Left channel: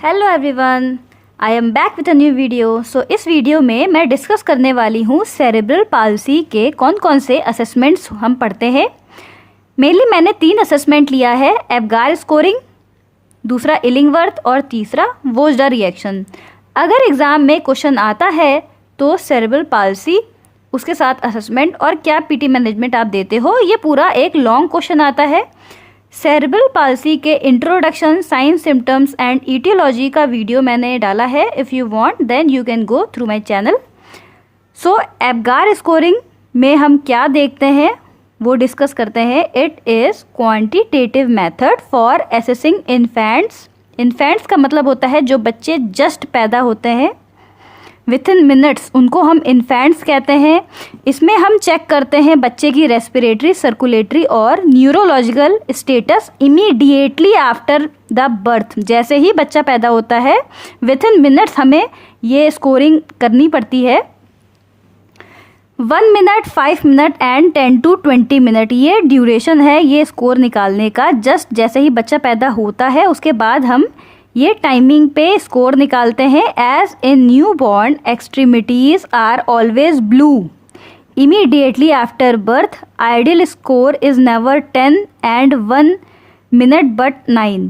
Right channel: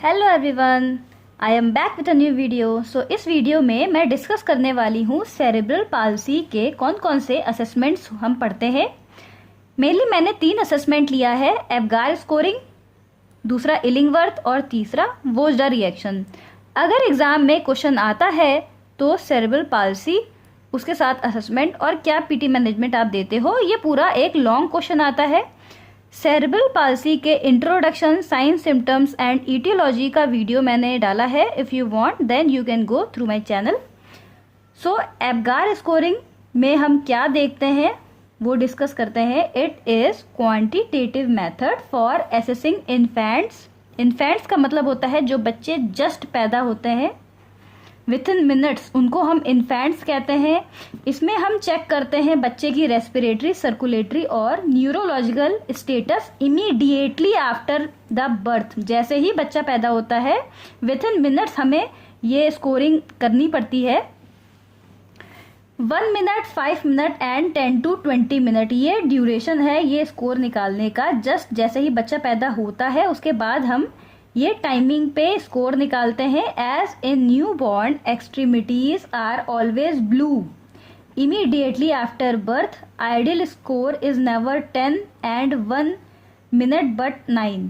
Hello everyone, I am back with a new video. So इस video में मैं discuss करने वाली हूँ सेरेब्रल पाल्सी के कौन कौन से असेसमेंट्स हम पढ़ते हैं। मेनली मैंने 3 असेसमेंट लिया है, एवगार स्कोरिंग, दूसरा इलिंगवर्थ और तीसरा वोजडा रिएक्शन। अगर एग्ज़ाम में क्वेश्चन आता है तो सेरेब्रल पाल्सी, उसके साथ असेसमेंट और क्या पीटी मैनेजमेंट आप देते हो, ये पूरा एक लॉन्ग क्वेश्चन आता है। सेरेब्रल पाल्सी के introduction, science, symptoms and aetiology का वीडियो मैंने डाला है। If you want then you can go through my channel. So Apgar scoring में हम क्या देखते हैं वो डिस्कस करते हैं। It is quantitative method for assessing infants. Infants का मतलब होता है जो बच्चे जस्ट पैदा होते हैं विथ इन मिनट्स, उनको हम इन्फेंट्स कहते हैं। इसमें हम चेक करते हैं बच्चे की रेस्पिरेटरी, सर्कुलेटरी और neurological status immediately after the birth. जैसे ही बच्चा पैदा होता है विथ इन मिनट्स हमें ये स्कोरिंग करनी पड़ती है। 1 minute, 5 minute and 10 to 20 minute ये ड्यूरेशन है ये स्कोर निकालने का। जस्ट जैसे ही बच्चा पैदा होता है उसके बाद हम ये टाइमिंग पे स्कोर निकालते हैं। As a newborn extremities are always blue immediately after birth. Ideal score is never 10 and 1 minute but 9।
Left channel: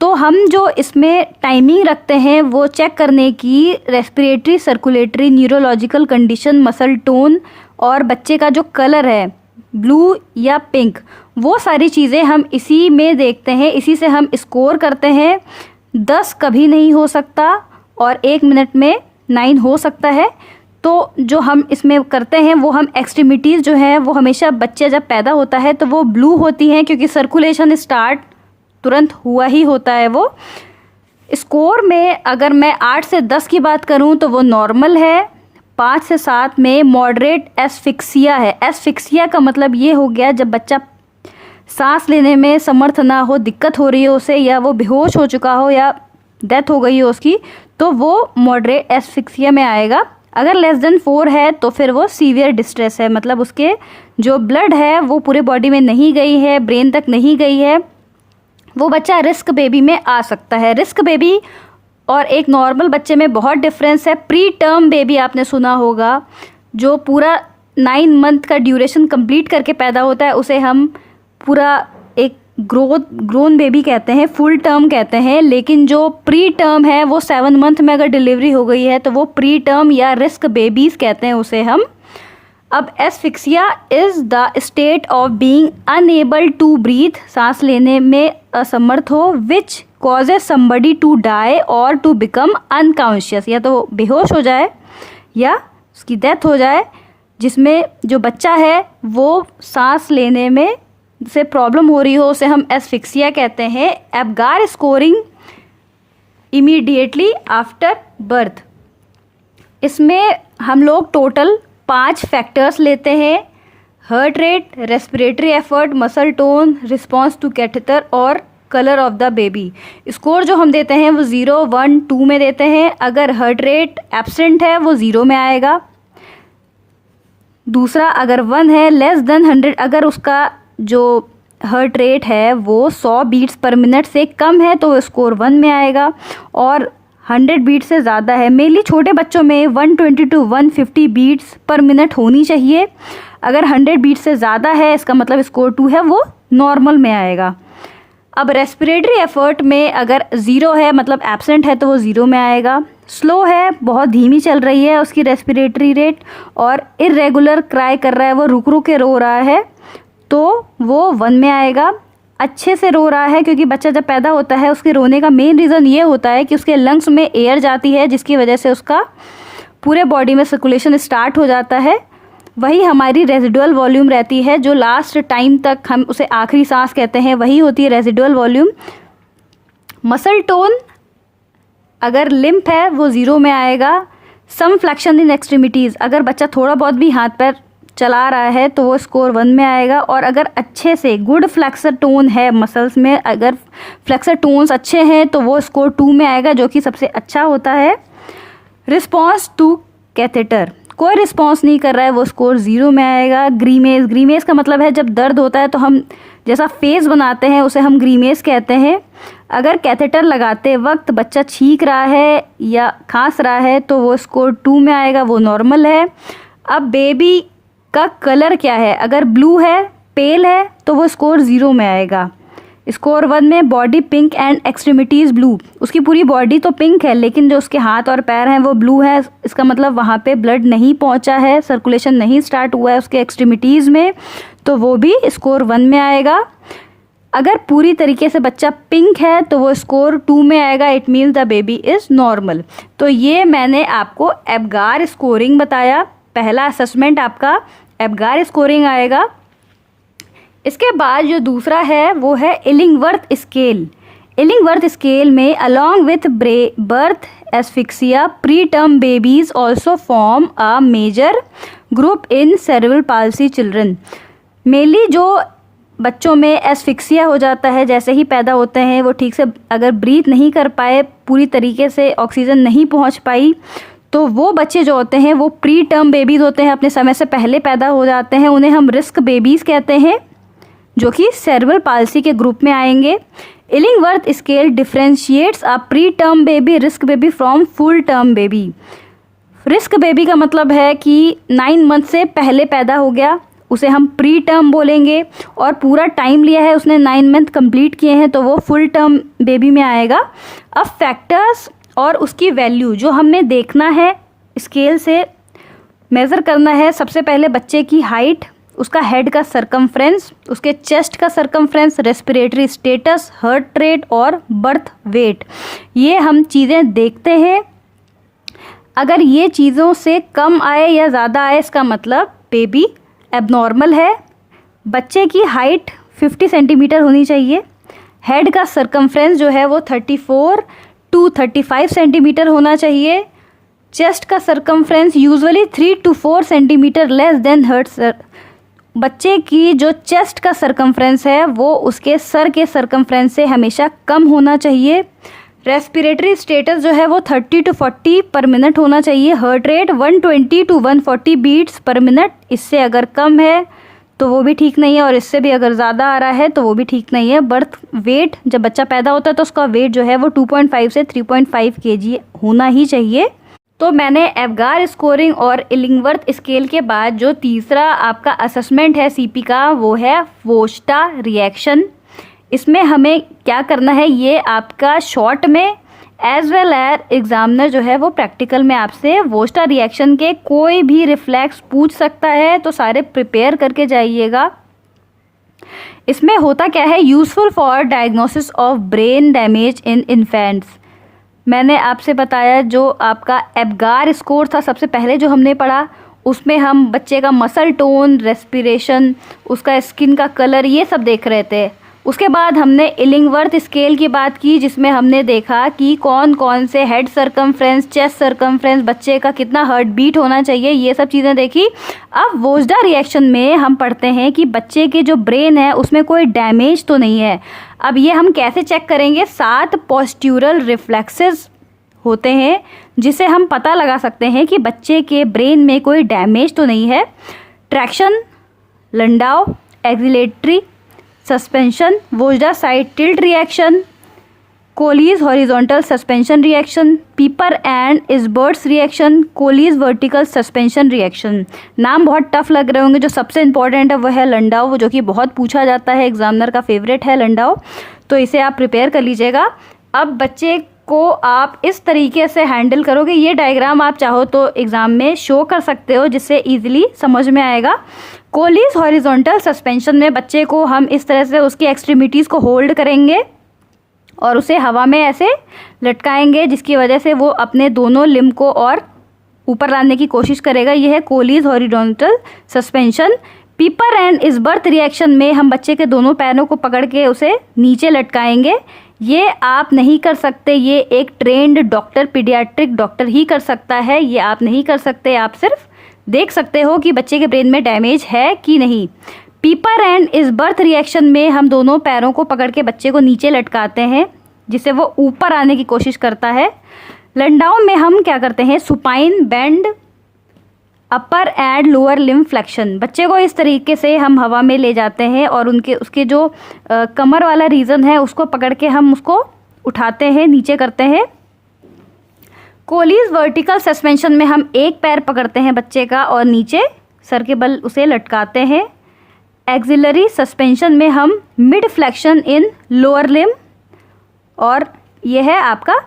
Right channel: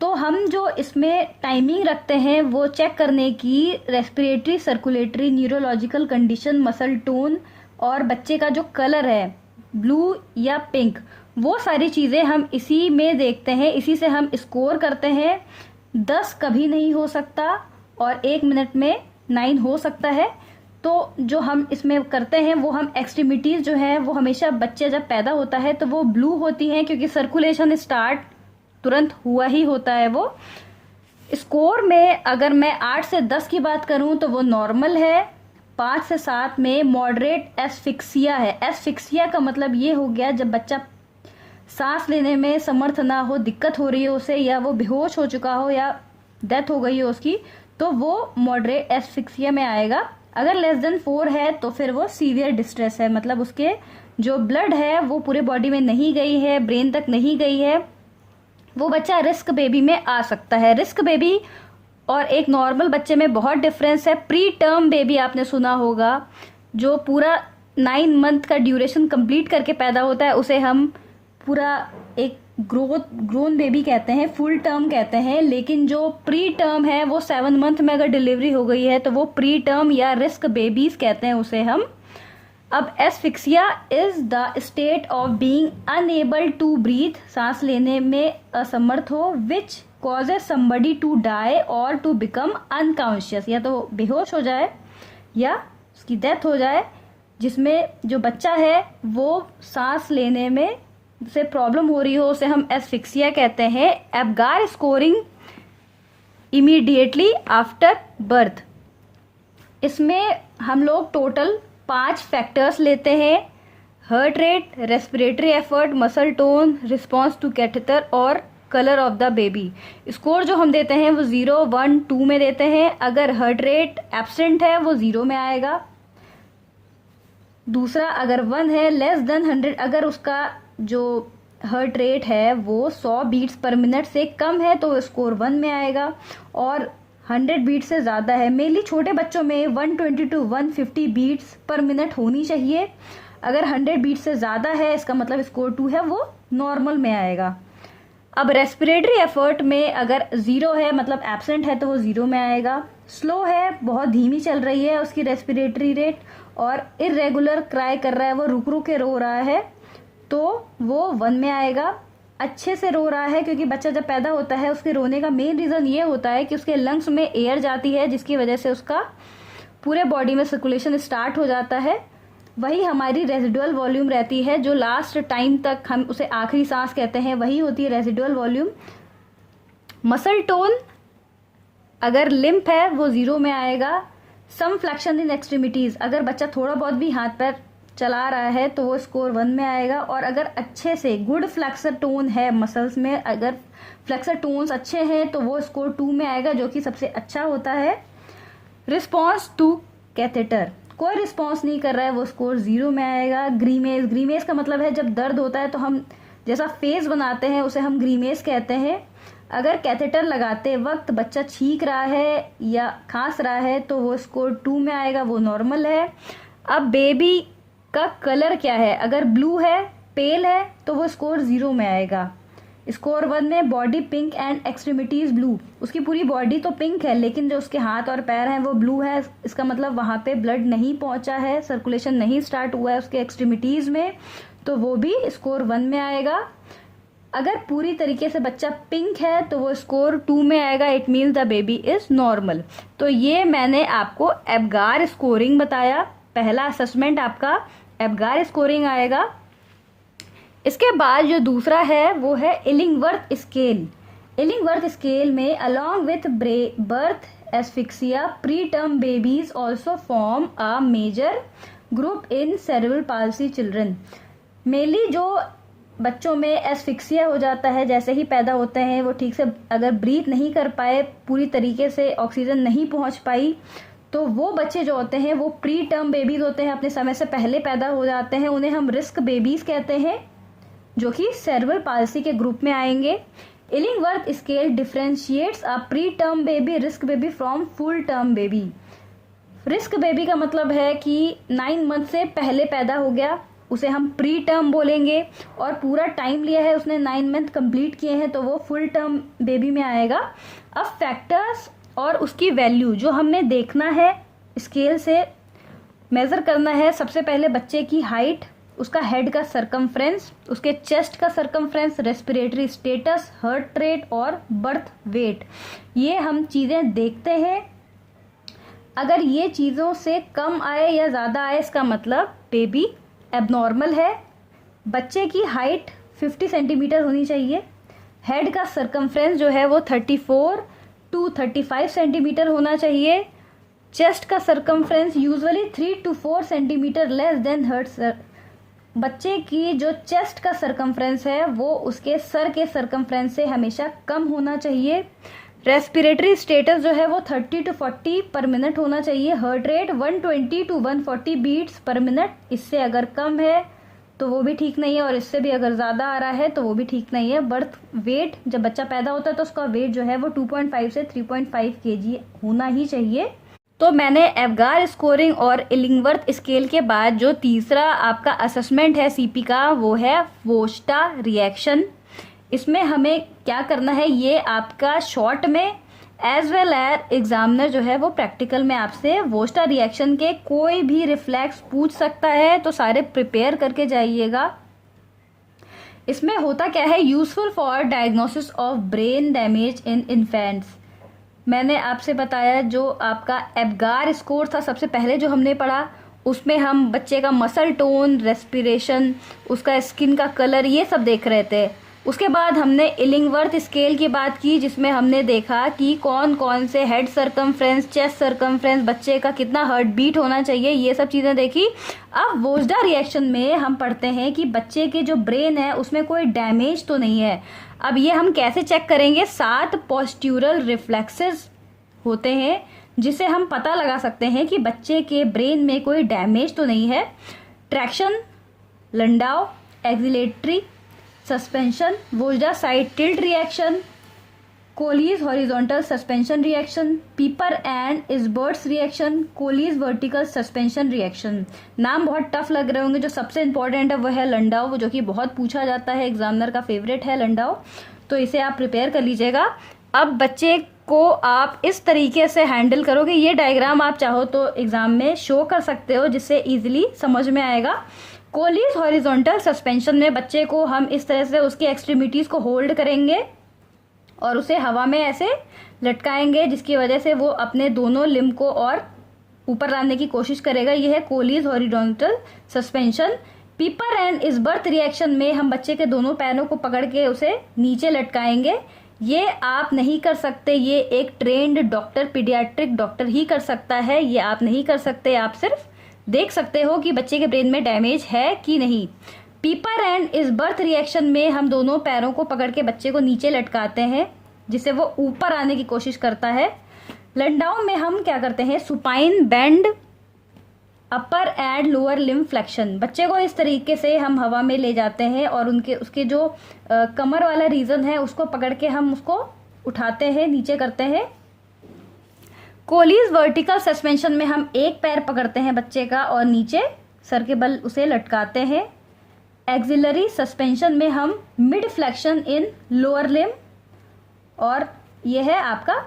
तो हम जो इसमें टाइमिंग रखते हैं वो चेक करने की respiratory, circulatory, neurological condition, muscle tone और बच्चे का जो कलर है ब्लू या पिंक, वो सारी चीज़ें हम इसी में देखते हैं, इसी से हम स्कोर करते हैं। 10 कभी नहीं हो सकता और 1 मिनट में 9 हो सकता है। तो जो हम इसमें करते हैं वो हम एक्सट्रीमिटीज़ जो है वो हमेशा बच्चे जब पैदा होता है तो वो ब्लू होती हैं क्योंकि सर्कुलेशन स्टार्ट तुरंत हुआ ही होता है। वो स्कोर में अगर मैं 8 से 10 की बात करूं तो वो नॉर्मल है। 5 से 7 में मॉडरेट एस्फिक्सिया है। एस्फिक्सिया का मतलब ये हो गया जब बच्चा सांस लेने में समर्थ ना हो, दिक्कत हो रही हो उसे, या वो बेहोश हो चुका हो या डेथ हो गई हो उसकी, तो वो मॉडरेट एस्फिक्सिया में आएगा। अगर लेस देन 4 है तो फिर वो सीवियर डिस्ट्रेस है, मतलब उसके जो ब्लड है वो पूरे बॉडी में नहीं गई है, ब्रेन तक नहीं गई है, वो बच्चा रिस्क बेबी में आ सकता है। रिस्क बेबी और एक नॉर्मल बच्चे में बहुत डिफरेंस है। प्री टर्म बेबी आपने सुना होगा, जो पूरा 9 मंथ का ड्यूरेशन कंप्लीट करके पैदा होता है, उसे हम पूरा एक ग्रोन बेबी कहते हैं, फुल टर्म कहते हैं। लेकिन जो प्री टर्म है वो 7 मंथ में अगर डिलीवरी हो गई है तो वो प्री टर्म या रिस्क बेबीज कहते हैं उसे हम। अब asphyxia is the state of being unable to breathe, सांस लेने में असमर्थ हो, which causes somebody to die और टू बिकम अनकॉन्शियस, या तो बेहोश हो जाए या उसकी डेथ हो जाए, जिसमें जो बच्चा है वो सांस लेने में से प्रॉब्लम हो रही हो, उसे हम एस्फिक्सिया कहते हैं। Apgar scoring immediately after birth, इसमें हम लोग टोटल 5 फैक्टर्स लेते हैं। Heart rate, respiratory effort, muscle tone, response to catheter और colour of the baby. Score जो हम देते हैं वो 0, 1, 2 में देते हैं। अगर हार्ट रेट एब्सेंट है वो 0 में आएगा। दूसरा, अगर 1 है, लेस देन 100, अगर उसका जो हार्ट रेट है वो 100 बीट्स पर मिनट से कम है तो स्कोर 1 में आएगा। और 100 बीट से ज़्यादा है, मेनली छोटे बच्चों में 120 to 150 बीट्स पर मिनट होनी चाहिए। अगर 100 बीट से ज़्यादा है इसका मतलब स्कोर 2 है, वो नॉर्मल में आएगा। अब रेस्पिरेटरी एफर्ट में अगर 0 है मतलब एब्सेंट है तो वो 0 में आएगा। स्लो है, बहुत धीमी चल रही है उसकी रेस्पिरेटरी रेट, और इरेगुलर क्राई कर रहा है, वो रुक रुक के रो रहा है, तो वो 1 में आएगा। अच्छे से रो रहा है, क्योंकि बच्चा जब पैदा होता है उसके रोने का मेन रीज़न ये होता है कि उसके लंग्स में एयर जाती है, जिसकी वजह से उसका पूरे बॉडी में सर्कुलेशन स्टार्ट हो जाता है। वही हमारी रेजिडुअल वॉल्यूम रहती है, जो लास्ट टाइम तक हम उसे आखिरी सांस कहते हैं, वही होती है रेजिडुअल वॉल्यूम। मसल टोन अगर लिम्प है वो 0 में आएगा। सम फ्लेक्शन इन एक्सट्रीमिटीज़, अगर बच्चा थोड़ा बहुत भी हाथ पैर चला रहा है तो वो स्कोर 1 में आएगा। और अगर अच्छे से गुड फ्लेक्सर टोन है मसल्स में, अगर फ्लेक्सर टोन्स अच्छे हैं तो वो स्कोर 2 में आएगा, जो कि सबसे अच्छा होता है। रिस्पॉन्स टू कैथेटर, कोई रिस्पॉन्स नहीं कर रहा है, वो स्कोर 0 में आएगा। ग्रीमेज, ग्रीमेज का मतलब है जब दर्द होता है तो हम जैसा फेस बनाते हैं उसे हम ग्रीमेज कहते हैं। अगर कैथेटर लगाते वक्त बच्चा छींक रहा है या खांस रहा है तो वो स्कोर 2 में आएगा, वो नॉर्मल है। अब बेबी का कलर क्या है, अगर ब्लू है, पेल है, तो वो स्कोर 0 में आएगा। स्कोर 1 में body pink and extremities blue, उसकी पूरी बॉडी तो पिंक है लेकिन जो उसके हाथ और पैर हैं वो ब्लू है, इसका मतलब वहाँ पे ब्लड नहीं पहुँचा है, सर्कुलेशन नहीं स्टार्ट हुआ है उसके एक्सट्रीमिटीज़ में, तो वो भी स्कोर 1 में आएगा। अगर पूरी तरीके से बच्चा पिंक है तो वो स्कोर 2 में आएगा, it means the baby is normal. तो ये मैंने आपको एब्गार स्कोरिंग बताया, पहला असेसमेंट आपका एब्गार स्कोरिंग आएगा। इसके बाद जो दूसरा है वो है इलिंगवर्थ स्केल। इलिंगवर्थ स्केल में along with birth asphyxia preterm babies also form a major group in cerebral palsy children. Mainly जो बच्चों में एस्फिक्सिया हो जाता है, जैसे ही पैदा होते हैं वो ठीक से अगर ब्रीथ नहीं कर पाए, पूरी तरीके से ऑक्सीजन नहीं पहुंच पाई, तो वो बच्चे जो होते हैं वो प्री टर्म बेबीज़ होते हैं, अपने समय से पहले पैदा हो जाते हैं, उन्हें हम रिस्क बेबीज़ कहते हैं, जो कि सेरेब्रल पाल्सी के ग्रुप में आएंगे। Illingworth scale differentiates a pre term baby risk baby from full term baby. Risk baby का मतलब है कि 9 मंथ से पहले पैदा हो गया, उसे हम प्री टर्म बोलेंगे, और पूरा टाइम लिया है उसने, 9 मंथ कंप्लीट किए हैं, तो वो फुल टर्म बेबी में आएगा। अब फैक्टर्स और उसकी वैल्यू जो हमने देखना है, स्केल से मेज़र करना है, सबसे पहले बच्चे की हाइट, उसका हेड का सरकमफ्रेंस, उसके चेस्ट का circumference, respiratory status, heart rate और बर्थ वेट, ये हम चीज़ें देखते हैं। अगर ये चीज़ों से कम आए या ज़्यादा आए, इसका मतलब बेबी एबनॉर्मल है। बच्चे की हाइट 50 सेंटीमीटर होनी चाहिए, हेड का सरकमफ्रेंस जो है वो 34 to 35 सेंटीमीटर होना चाहिए, चेस्ट का circumference usually 3 to 4 centimetre less than heart. बच्चे की जो चेस्ट का सरकमफ्रेंस है वो उसके सर के सरकमफ्रेंस से हमेशा कम होना चाहिए। रेस्पिरेटरी स्टेटस जो है वो 30 to 40 पर मिनट होना चाहिए। Heart rate 120 to 140 beats per minute, इससे अगर कम है तो वो भी ठीक नहीं है, और इससे भी अगर ज़्यादा आ रहा है तो वो भी ठीक नहीं है। बर्थ वेट, जब बच्चा पैदा होता है तो उसका वेट जो है वो 2.5 से 3.5 kg होना ही चाहिए। तो मैंने एब्गार स्कोरिंग और इलिंगवर्थ स्केल के बाद जो तीसरा आपका असेसमेंट है सीपी का, वो है वोस्टा रिएक्शन। इसमें हमें क्या करना है, ये आपका शॉर्ट में एज वेल एज एग्जामिनर जो है वो प्रैक्टिकल में आपसे वोस्टा रिएक्शन के कोई भी रिफ्लेक्स पूछ सकता है, तो सारे प्रिपेयर करके जाइएगा। इसमें होता क्या है, useful for diagnosis of brain damage in infants. मैंने आपसे बताया जो आपका एब्गार स्कोर था सबसे पहले जो हमने पढ़ा, उसमें हम बच्चे का मसल टोन, रेस्पिरेशन, उसका स्किन का कलर, ये सब देख रहे थे। उसके बाद हमने इलिंगवर्थ स्केल की बात की, जिसमें हमने देखा कि कौन कौन से हेड सरकमफ्रेंस, चेस्ट सरकमफ्रेंस, बच्चे का कितना हार्ट बीट होना चाहिए, ये सब चीज़ें देखी। अब वोस्टा रिएक्शन में हम पढ़ते हैं कि बच्चे के जो ब्रेन है उसमें कोई डैमेज तो नहीं है। अब ये हम कैसे चेक करेंगे, 7 पोस्ट्यूरल रिफ्लेक्सेस होते हैं जिसे हम पता लगा सकते हैं कि बच्चे के ब्रेन में कोई डैमेज तो नहीं है। Traction, Landau, axillary, suspension, Vojta side tilt reaction, Collis horizontal suspension reaction, Peiper and Isbert's reaction, Collis vertical suspension reaction. नाम बहुत टफ लग रहे होंगे, जो सबसे इंपॉर्टेंट है वो है लंडाव, जो कि बहुत पूछा जाता है, एग्जामिनर का फेवरेट है लंडाव, तो इसे आप प्रिपेयर कर लीजिएगा। अब बच्चे को आप इस तरीके से हैंडल करोगे, ये डायग्राम आप चाहो तो एग्जाम में शो कर सकते हो जिससे इजीली समझ में आएगा। कोलीज हॉरिजॉन्टल सस्पेंशन में बच्चे को हम इस तरह से उसकी एक्सट्रीमिटीज़ को होल्ड करेंगे और उसे हवा में ऐसे लटकाएंगे, जिसकी वजह से वो अपने दोनों लिम्ब को और ऊपर लाने की कोशिश करेगा। यह है कोलीज हॉरिजॉन्टल सस्पेंशन। पीपर एंड इजबर्थ रिएक्शन में हम बच्चे के दोनों पैरों को पकड़ के उसे नीचे लटकाएंगे। ये आप नहीं कर सकते, ये एक ट्रेंड डॉक्टर, पीडियाट्रिक डॉक्टर ही कर सकता है, ये आप नहीं कर सकते। आप सिर्फ देख सकते हो कि बच्चे के ब्रेन में डैमेज है कि नहीं। पीपर एंड इजबर्थ रिएक्शन में हम दोनों पैरों को पकड़ के बच्चे को नीचे लटकाते हैं जिससे वो ऊपर आने की कोशिश करता है। लंडाउ में हम क्या करते हैं, supine bend, upper and lower limb flexion. बच्चे को इस तरीके से हम हवा में ले जाते हैं और उसके जो कमर वाला रीजन है उसको पकड़ के हम उसको उठाते हैं, नीचे करते हैं। कोलीज वर्टिकल सस्पेंशन में हम एक पैर पकड़ते हैं बच्चे का और नीचे सर के बल उसे लटकाते हैं। एक्सिलरी सस्पेंशन में हम मिड फ्लेक्शन इन लोअर लिम, और यह है आपका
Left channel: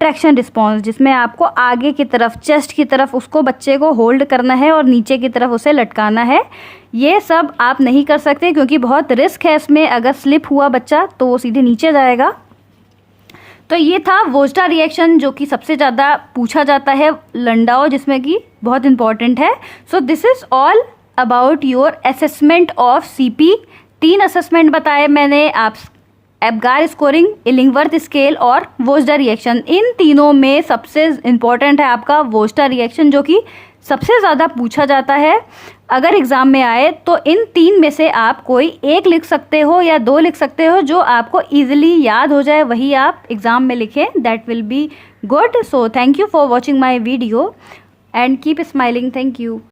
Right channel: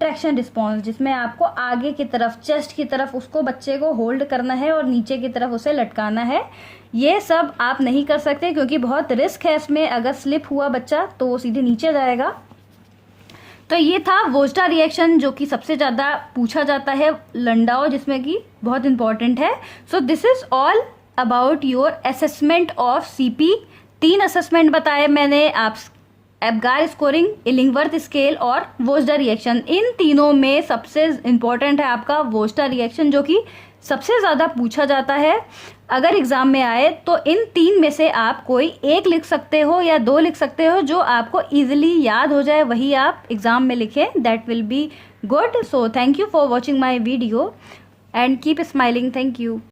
ट्रैक्शन रिस्पॉन्स, जिसमें आपको आगे की तरफ, चेस्ट की तरफ उसको बच्चे को होल्ड करना है और नीचे की तरफ उसे लटकाना है। ये सब आप नहीं कर सकते क्योंकि बहुत रिस्क है इसमें, अगर स्लिप हुआ बच्चा तो वो सीधे नीचे जाएगा। तो ये था वोस्टा रिएक्शन, जो कि सबसे ज़्यादा पूछा जाता है, लंडाओ, जिसमें कि बहुत इंपॉर्टेंट है। So this is all about your assessment of CP. 3 assessment बताए मैंने, आप एब्गार स्कोरिंग, इलिंगवर्थ स्केल और वोस्टा रिएक्शन। इन तीनों में सबसे इम्पॉर्टेंट है आपका वोस्टा रिएक्शन, जो कि सबसे ज़्यादा पूछा जाता है। अगर एग्ज़ाम में आए तो इन 3 में से आप कोई एक लिख सकते हो या 2 लिख सकते हो, जो आपको ईजिली याद हो जाए वही आप एग्ज़ाम में लिखें, that will be good. So thank you for watching my video and keep smiling. Thank you.